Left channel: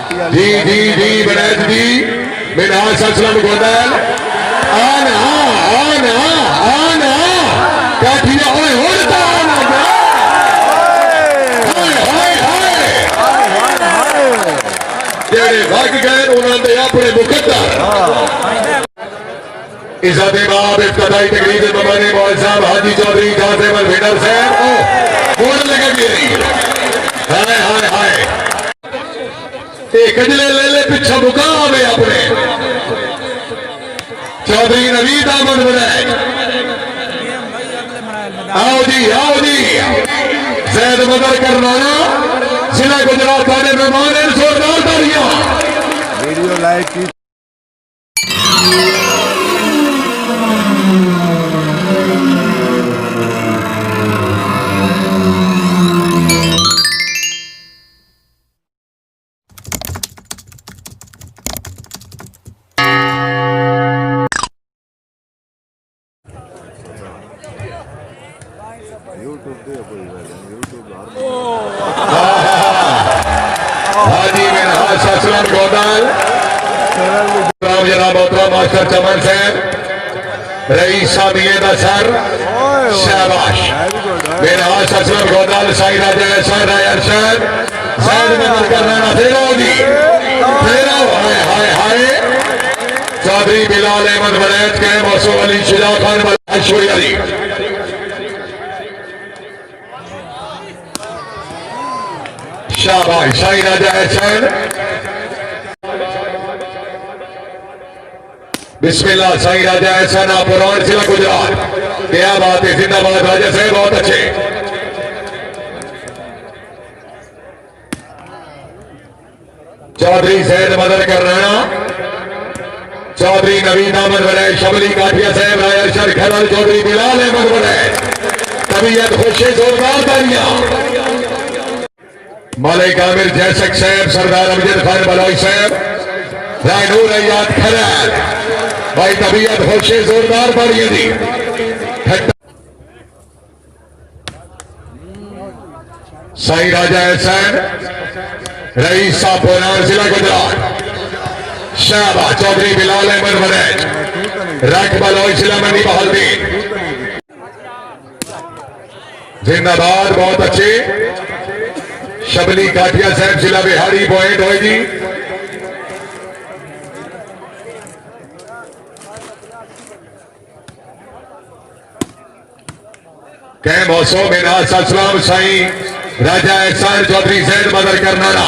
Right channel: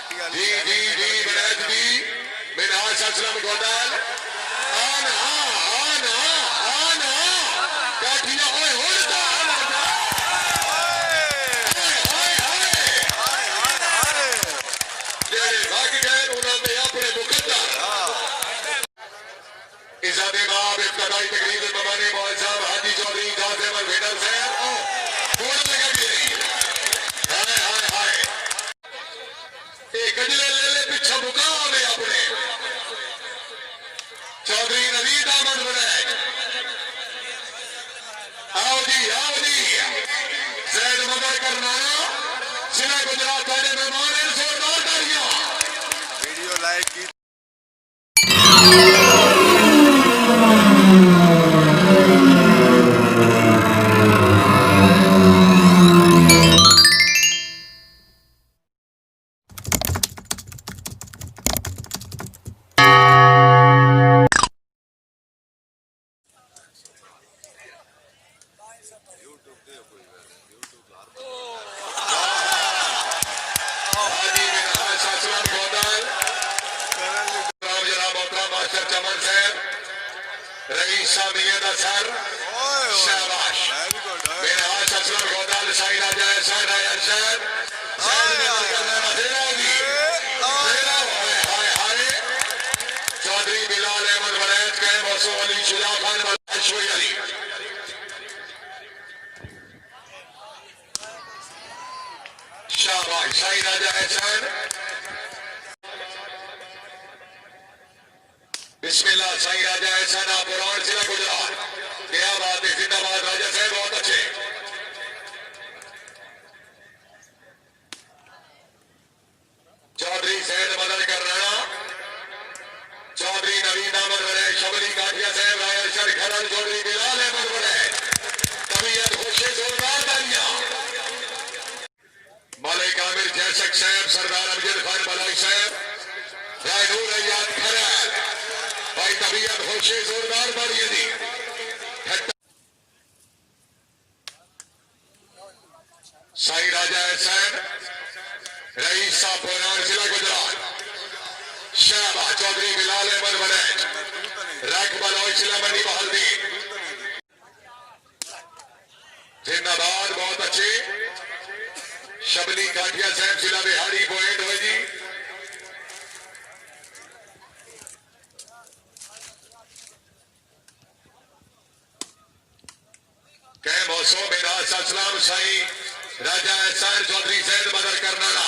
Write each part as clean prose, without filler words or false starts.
जी जी जी बनैत जी मिनाज ससलम गोदल आना आना आना काठिया ओए होता आना हाय हाय हाय जेड़े भाग गए उन्होंने अपने मुकद्दर इज़्ज़त बाब इब्तिदाई तकरीर मबानी मौल साहब हाजी चौधरी कासिम विनर साहब बोल लगे गई हाय हाय हाय कजले ले ले पिछा मुकाम है अपने चौधरी नवीद अहमद बनाए आओ जी जैद मदर करनाना जिला गुजरात वाले मेहमान जोरदार तालियां वीडियो लाइक की यूट्यूब दे कोई यूट्यूब हाजी मिनहाज ससलम गोदल राम जनाब मोहतरम मास्टर चमन साहब रईस सामियद असर शाबाश मिनहाज ससलम गोदल साई राजा सर रायर साहब जैद मदद करना फेरो जी फेरो हाय हाय हाय चौधरी बिलाल अहमद बनैत के मौसू अली शुजा खान अशोरी अली शाबाश साई राजा एहसन बिस्मिल्लाह साई राजा एहसन आप पुरान जिला गुजरात क्या बात है जिंदाबाद राजा साहब बहुत अच्छे चौधरी सैद मदर करना चौधरी नवीन अहमद बनाए शबली काठिया साहब राय अरशद खैरल चौधरी बिलाल अहमद बनाए तबीयत खुशी जोरदार तालियां मलिक आमिर जैसक साहब सरदार अमजद खान बलोच साहब रायनूर अयाद खैरल भाई तबीयत खुशी जोरदार तालियां दी साई राजा एहसन रईस साहब पुरान जिला गुजरात शाबाश चौधरी बिलाल अहमद बनैत रख बलोच जिला मंडी बहालदीन जिंदाबाद बहुत अच्छे शबली काठिया साहब जिला बिहारी पॉइंट होगी कै मौसम मिनाज ससलाम साई राजा एहसान चौधरी सैद मदर करनाना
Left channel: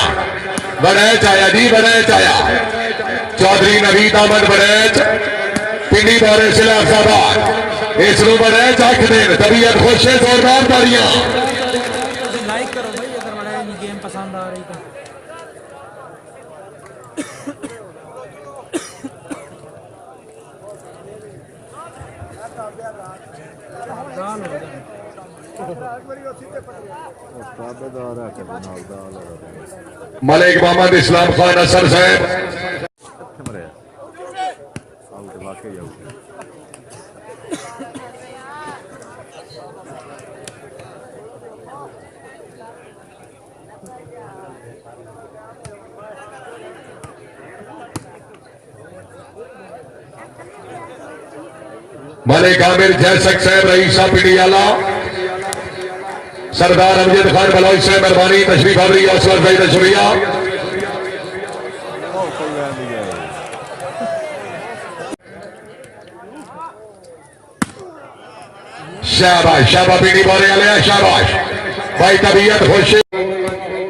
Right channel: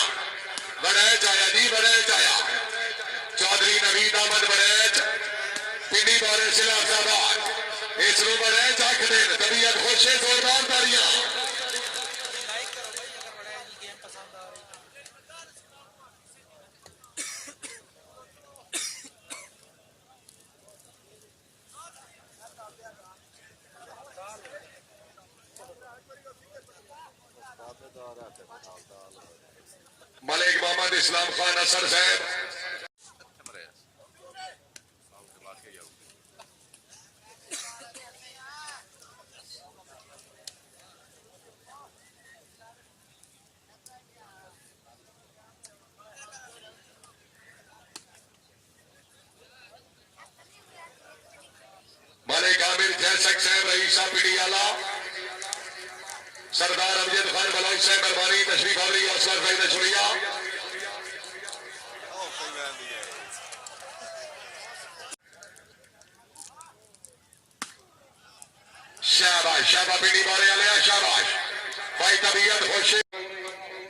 बनैत आया जी बनैत आया चौधरी नवीद अहमद बनैत पिंडी बारे जिला अफजाबाद इसनू बनैत आख देन तबीयत खुश है जोरदार तालियां लाइक करो भाई अगर बड़ा गेम पसंद आ रही तो मलिक मोहम्मद इस्लाम खान असर साहब मलिक आमिर जैसक साहब रईसा पीड़ियाला सरदार अमजद खान बलोच साहब मेहरबानी तशरीफ आवरी असलर भाई शुक्रिया शाबाश शाबा पीड़ी बोले आलिया शाबाश भाई तबीयत खुश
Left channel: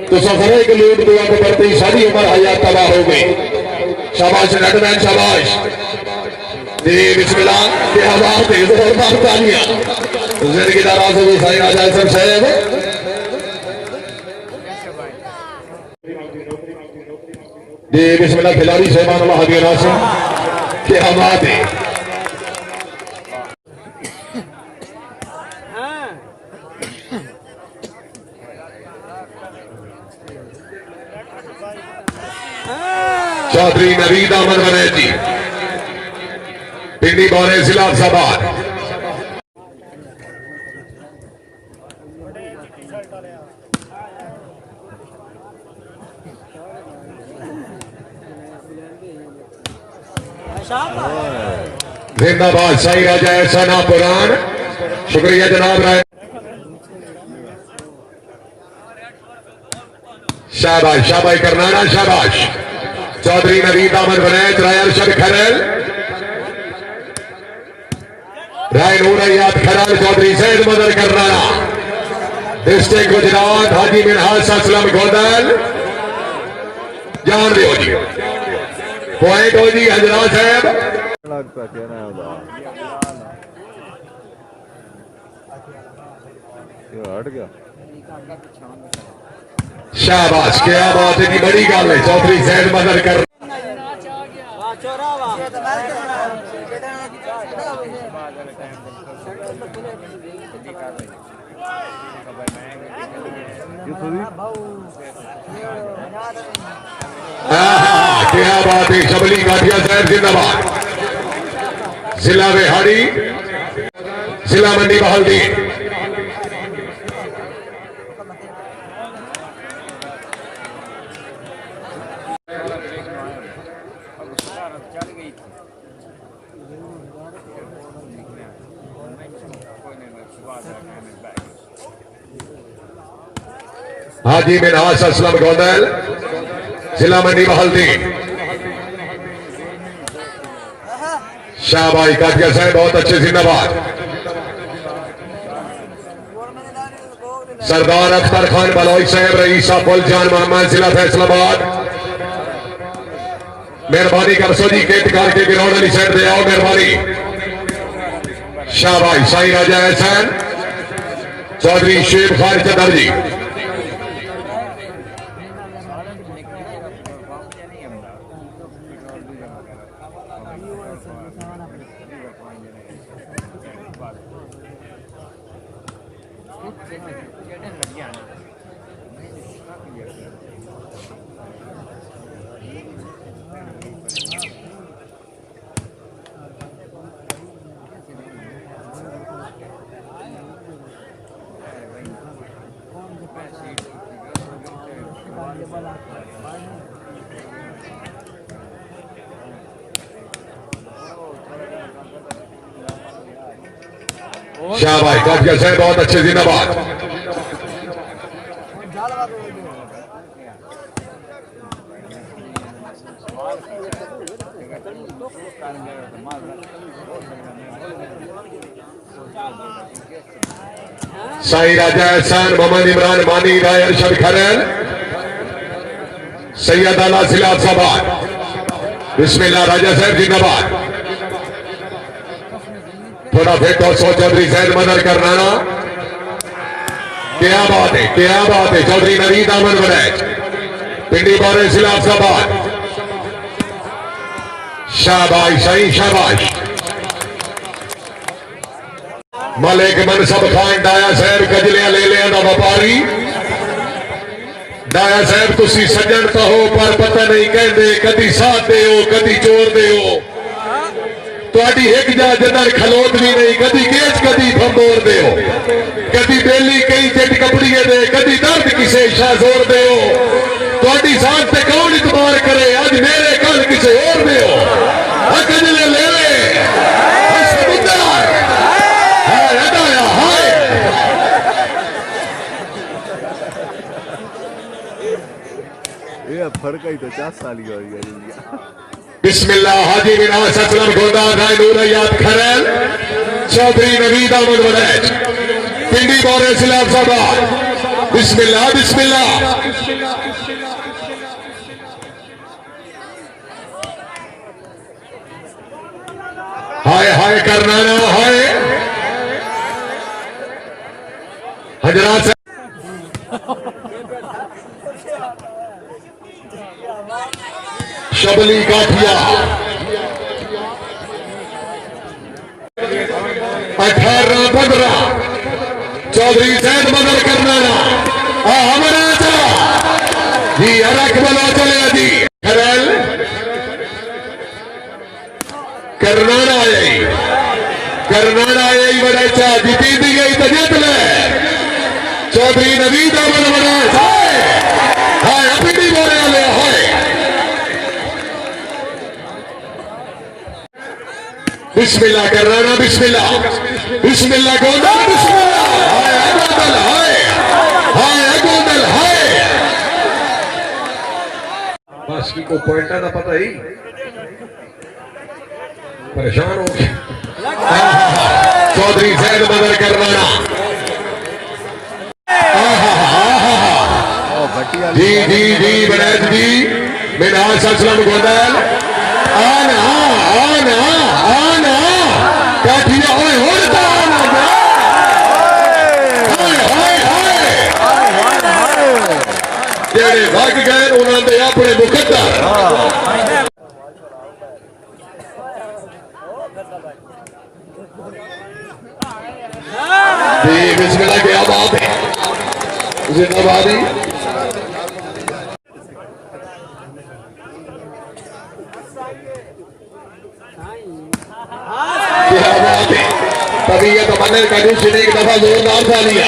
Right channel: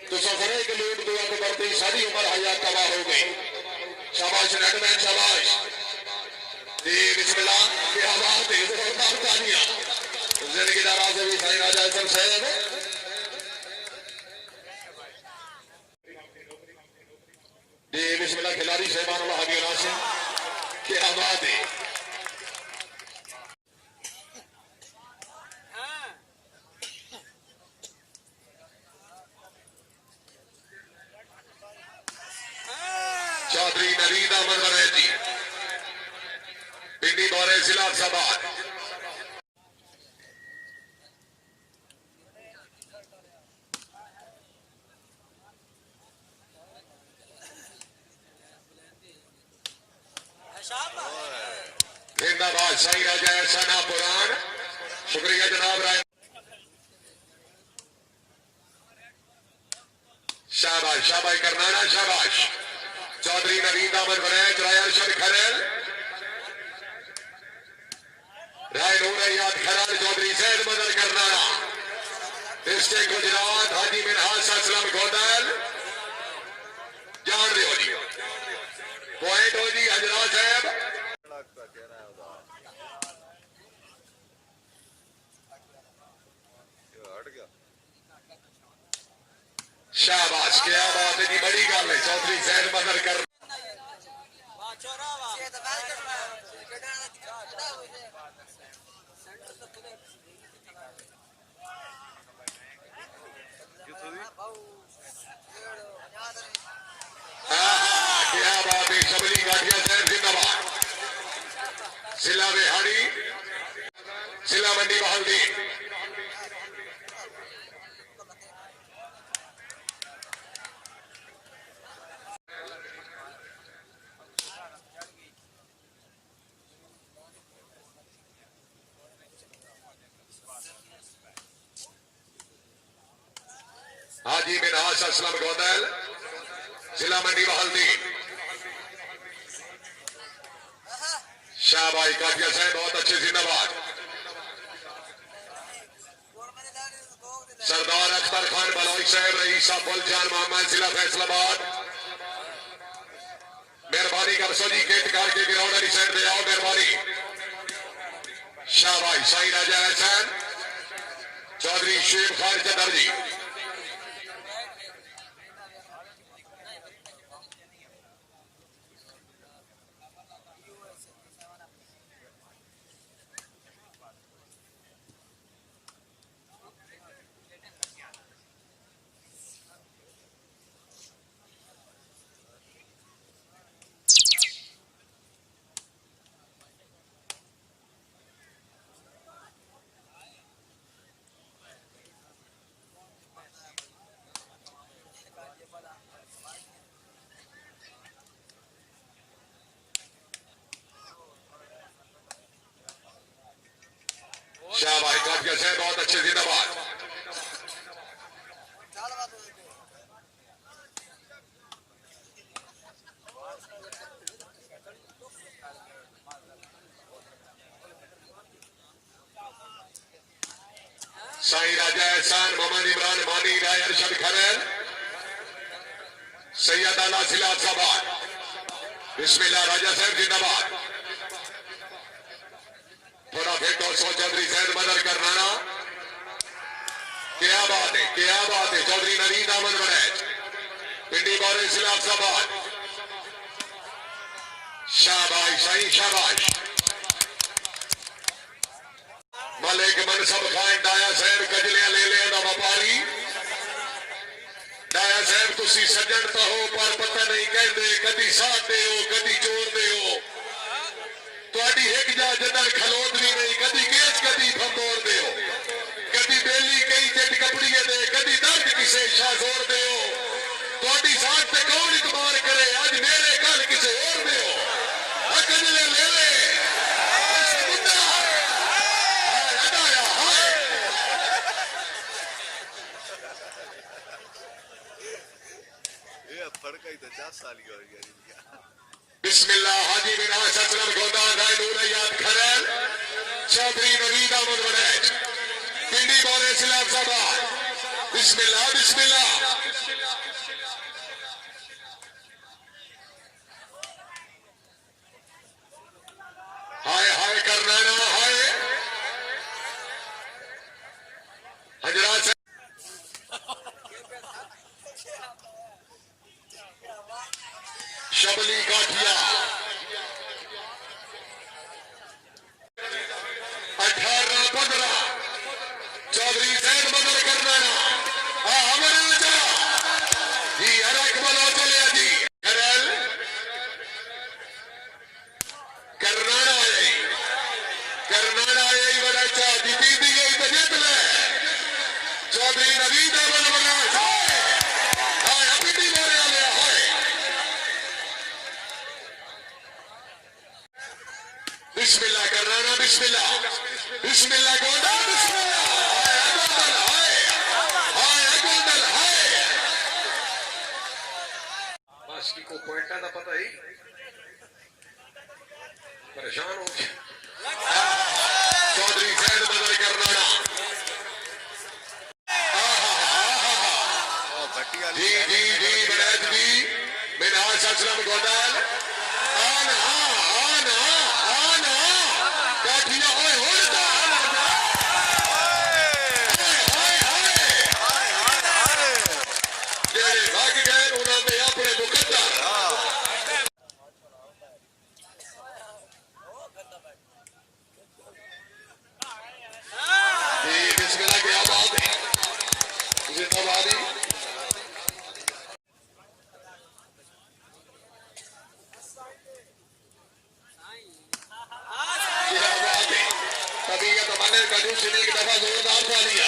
तो सफर एक लूट दुआ को बढ़ती सारी उम्र हयात तबाह हो गई शाबाश नटमैन शाबाश जी बिस्मिल्लाह क्या बात है जोरदार तालियां जिंदगी दराज हो साईं राजा सब साहब जी बिस्मिल्लाह खिलाड़ी सहमान अल्लाह हबीब नासिर क्या बात है चौधरी नवीद अहमद बनैत जी पिंडी बौरे जिला अफजाबाद जिंदाबाद सही राजा ऐसा ना पुराण। शुक्रिया जनाब राय। शाबाश शाबाश करनाना शाबाश। चौधरी नवीद अहमद बनैच राय अरशद खरल राय नूरयात खरल चौधरी सैद मदर करनाना डिस्ट्रिक्ट गुजरात हाजी मिनहाज असलम गोदल जान दो जी पॉइंट हो जी हजरा साहब लगता क्या ना ये हट गया शाबाश क्या बात है कि बड़ी गल है चौधरी सैद मदर कर क्या बात है शबली गाठिया साहब जिंदाबाद। जिला बिहाड़ी जिला मंडी बहालदी हाजी मिनहाज असलम गोदल जिला मंडी बहालदी शाहबाई काटिया साहब बहुत अच्छे जिंदाबाद। सरदार अख्तर खान बलौई साहब रईसा फुलजान मोहम्मद जिला फैसलाबाद मेहरबानी कर सो जी गेट करके ग्राउंड वाली साइड पे आओ मेहरबानी। शाहबाई साई राजा एहसान चौधरी शेख खान चदर जी शाहबाई काफिया साहब बहुत अच्छे जिंदाबाद। साई राजा एहसान मोहम्मद इमरान मानी राय अरशद खरल सैयद आला सिलाबाद बिस्मिल्लाह राजा साहब जिंदाबाद। थोड़ा फिट और सौ चौधरी सैद मदर करनाना क्या बात है चौधरी नवीद अहमद बनैच पिंडी बोरे सिलाबाद शाबाश सही शाबाश। मलिक मनसब खान डाया साहब गजलियां ले लिया ना व्यापारी डाया साहब तुसी सज्जन तो हो पर पता नहीं कहते कदी साथ दे हो कदी जोर दे हो ਤੁਹਾਡੀ ਇੱਕ ਜਾ ਜਦਰ ਖਲੋਤ ਵੀ ਨਹੀਂ ਕਦੀ ਕੇਚ ਕਦੀ ਫੰਬੋਰ ਦਿਓ ਕਦੀ ਬੇਲੀ ਕਈ ਜੱਟ ਕਪੜੀਏ ਦੇ ਕਦੀ ਦਰਦ ਕਿਸੇ ਸ਼ਾਜ਼ੋਰ ਦਿਓ ਤੁਹਾਡੀ ਸਾਥ ਤੇ ਕੌਣ ਇਤਬਾਰ ਕਰੇ ਅੱਜ ਮੇਰੇ ਕੱਲ ਕਿਸੇ ਹੋਰ ਦਿਓ ਅਕਜਲੇ ਲੈ ਲੈ ਸਮੁੰਦਰ ਹਾਏ ਅਡਾਇਆ ਹਾਏ ये फर्क ही तो 4 साल की हो गया। बिस्मिल्लाह हाजी मिनहाज असलम गोदा राय नूरयात खरल चौधरी नवीद अहमद बनैच पिंडी बोरे सिलाबाद बिस्मिल्लाह बिस्मिल्लाह। हाय हाय करनाना हाय हजरात शबली काठिया 18-15 चौधरी सैद मदर करनाना हमारा जी अरक बलो चले जी खरल करनाना आई बड़ा अच्छा जीती दी गई तो जीत ले चौधरी नवीद अहमद बनैच हाय अपनी बोले हाय बिस्मिल्लाह कर रहा ना, बिस्मिल्लाह बिस्मिल्लाह गोंदल, बिस्मिल्लाह हाय गोंदल, हाय गोंदल, हाय बाकी को पॉइंट ना पता ही परेशान हो गए। चौधरी जैद मदर करवाना जी जी जी बनैत जी मिनाज असलम गोंदल आना आना आना काठिया ओए होता आना हाय हाय हाय जेड़े भाग गए उन्होंने अपने मुकद्दर जी बिस्मिल्लाह क्या बात है जिंदाबादी क्या बात है तभी ये तमन्ना का एक दफा जोरदार था लिया।